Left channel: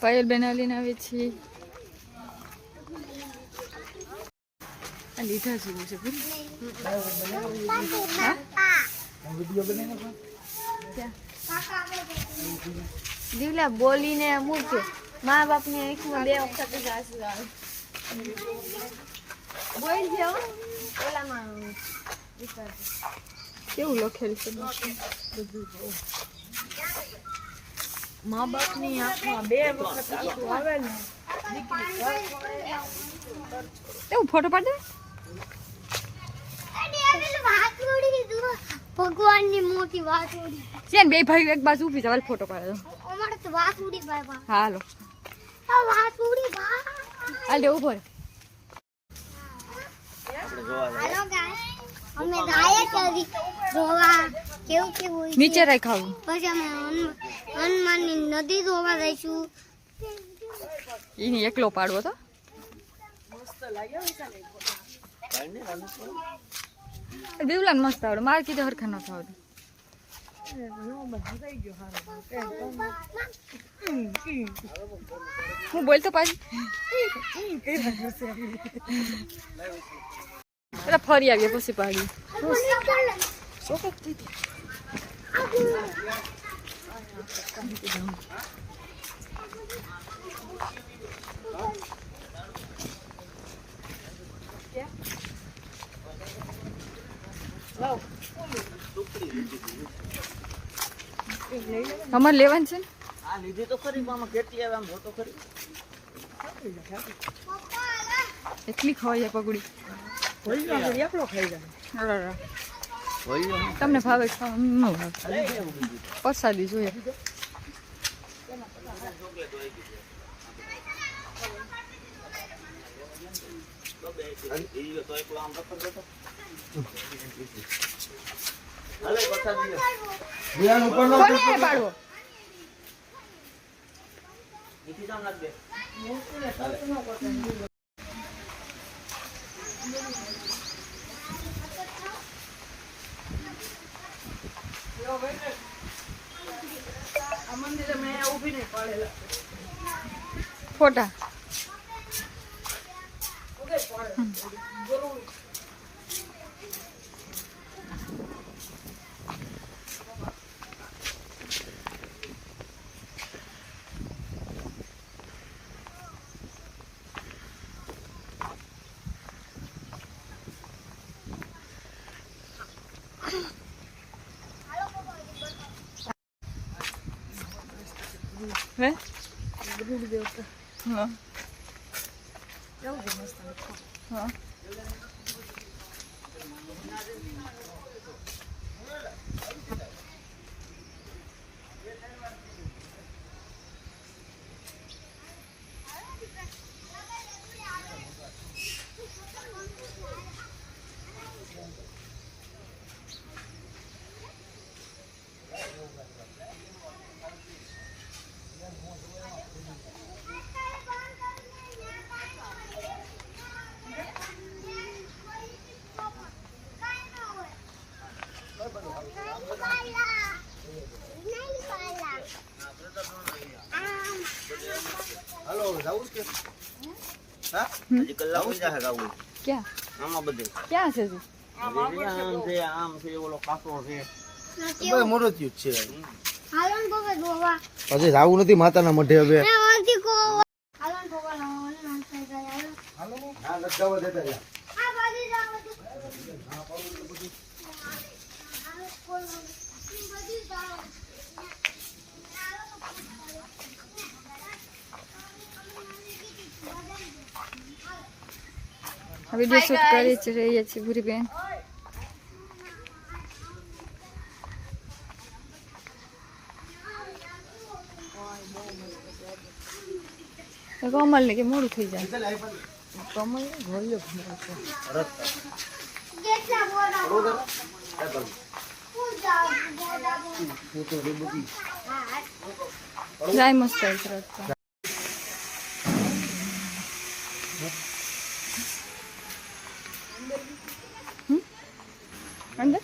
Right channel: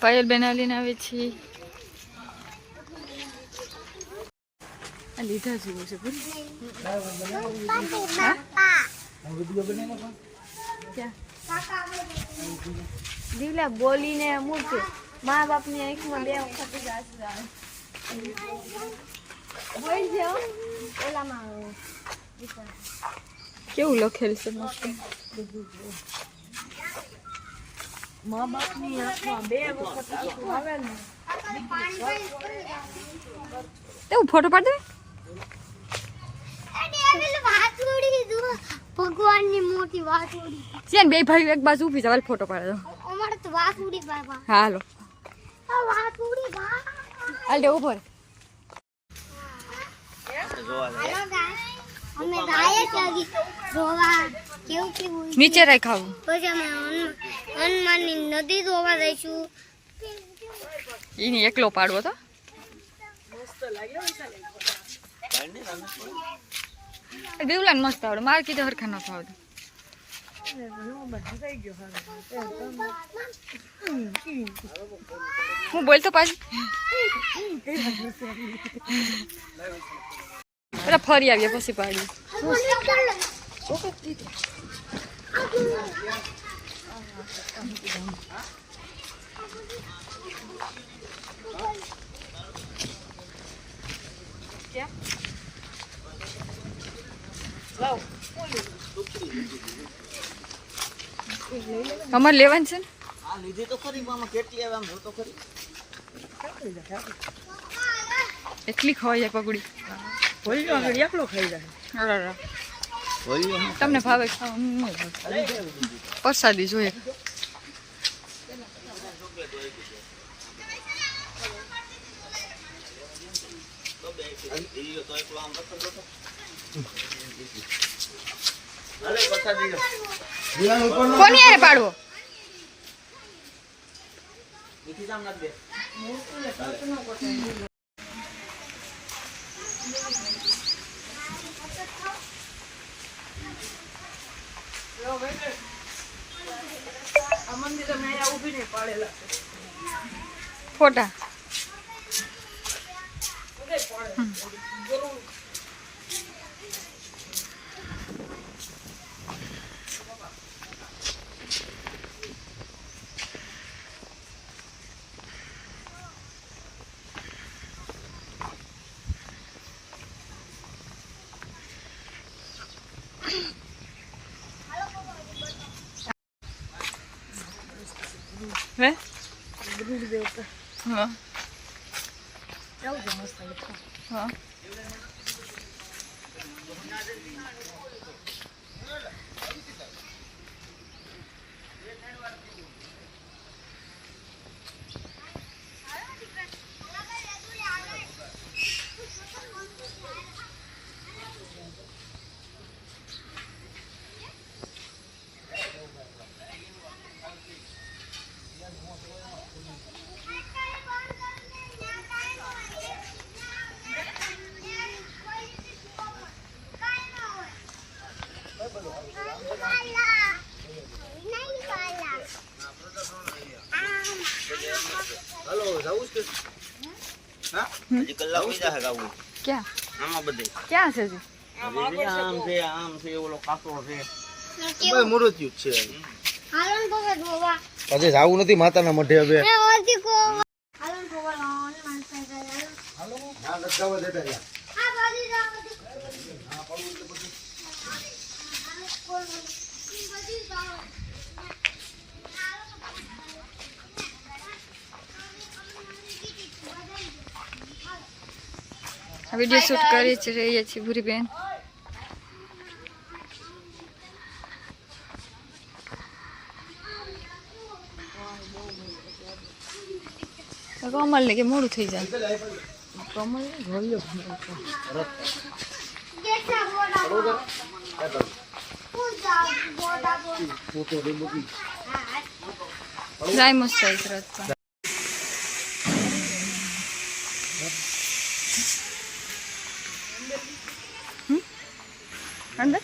પાયલ બેન લઈને આવે છે લીધા જેવું છે દીવલા બોલીને મૂકે મા બાપ ની આંખમાં 2 વખત જ આંસુ આવે બોલ જાઓ ઓલામાં કેવું લખેલ છે મા બાપ ની આંખમાં 2 વખત આંસુ આવે ને એવું ફોટો પાડ દે ભગવાન ની મોટી વાત ઉડી છે બે ભાઈ એક બાજુ ઊભી ચાલ ફોટો પાડ દો અમારે તો વાત ઉડી બાબા હાલો આ વાત ઉડી બા હાલ દે ઉપર હાલો ગાઈસ અમે ગાયે છે જોવા કેવું નીચે રાખાવું પછી અમે હનુમાનની નદી જોવા જઈશું ઈની એકલો પાડવો તો દેવલાન મસ્ત આવડે મારે કીધું હરખા ન આવડે હું બોલતો પાછી અરે ફરી આવીએ પછી પાડી અમારે લેવાનું છે ને આ લીધી તો ખરી મામા કેટલી આવે આમ જોતો ખરી એટલી ખવાય પગડી એકલો ખાઈ જાય તમને ભાવે પ્રસાદી જોઈએ કોની આરે પાડવો ફોટા હે હા હા ક્યાં આમાં બધે ક્યાં છે આમ છે ઓલો કાસો છે હાલો ને બાબા જોવા આજે જાવું નથી માતાના મઢે હવે એ વાજી કો હાલો ને બાબા હનુમાન થઈ ગયા હાલો હા લગાવો દેતા યા આ બાજી જાવ બધી હા પડું તો બધું હાલો કોણ બધી જાવ વિડીયો શૂટ કરી જ રહીએ છીએ ભૂરી બેન કમલ ને કે મોડું થઈ જાય કમલ કેટલા બોડા પૂજા બોડા ફોટો રે મૂકી જાય મસ્ત રસ્તા અંદર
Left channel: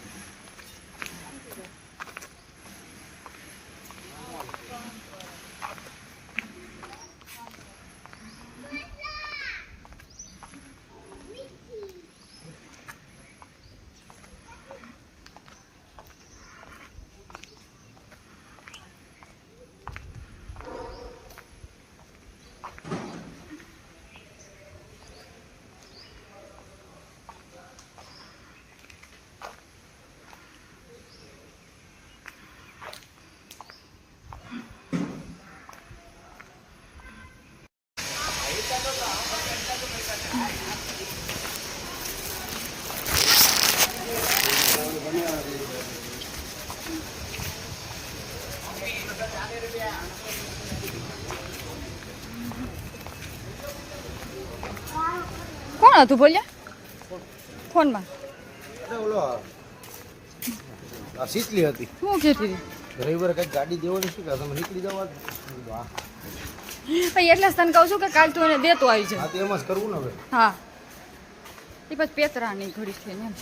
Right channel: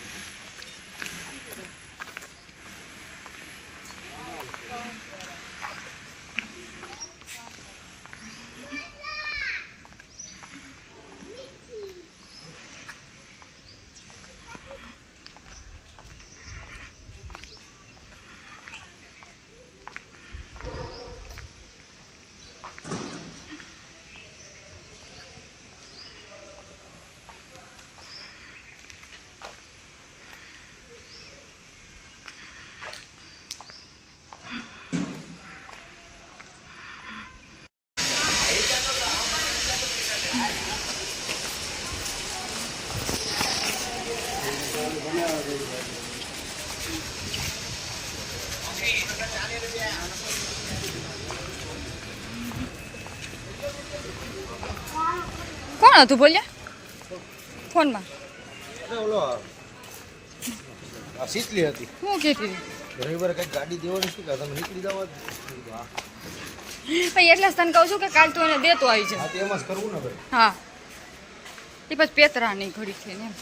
કોણ હતું બોલ્યા ફોનમાં ઓલો આ શીતલી હતી શું કહેતી રવિવારે કઈક ગાડી દેવાની શું કે તમે નીકળી જવા ભાઈ એટલે જ તને કહું છું કે કાલ તું એને દેતો આવી જાય હા તો એમ જ કરવું ને હવે હા એ પછી પેતરા નહીં ઘડી થઈને એમ